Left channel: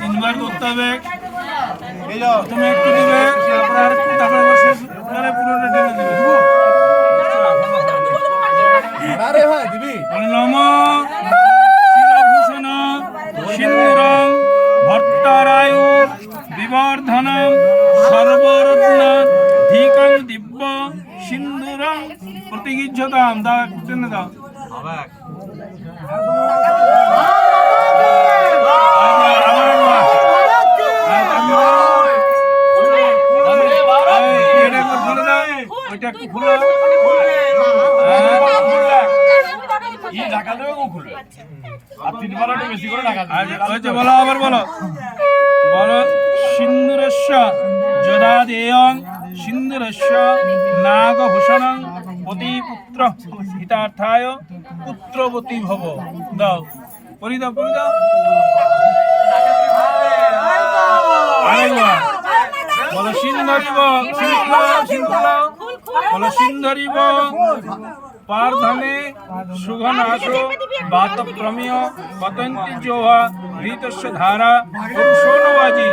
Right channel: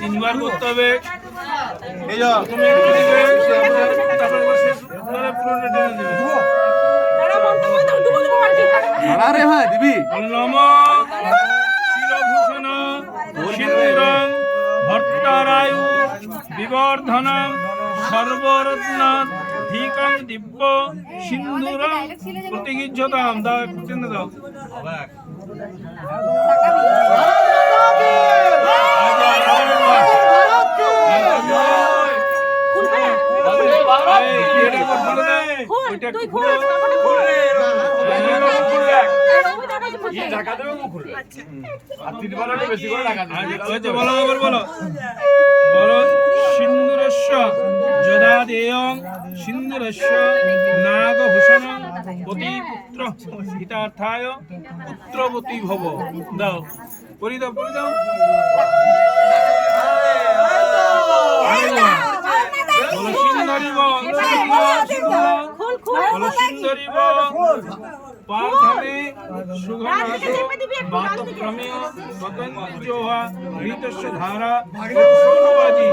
তিনবার করতে হবে। প্রথমে একটু দিবে, তারপরে শেষ করে পুরোটা টেনে দিবে। আরে ভাই দিবি নম শিরভূষণ সিন্দুরং ভট্টারায়ু বিবর্ধনম সর্বরত্ন ধিকং দিব্য সিন্দুরং প্রতিগৃহ্যতাম। দাও একটু টেনে দাও। ওইটা একটু খুলো। বলো আবার বলো বলো সিন্দুরস্য যদাদেয়ং সিন্দুরস্য নাগভূষণং পতিপুত্র হিতার্থায় পুত্রবতী ভব। দাও পরি দাও পরি দাও। বলো সিন্ধরিব সিন্ধুলাও বলো সিন্ধরিব পার্ধনে সুঘনাশ বাতক্রমীয় পতন্তি জোহা ঘৃতস্য ধারা পুরুষোনবাজি।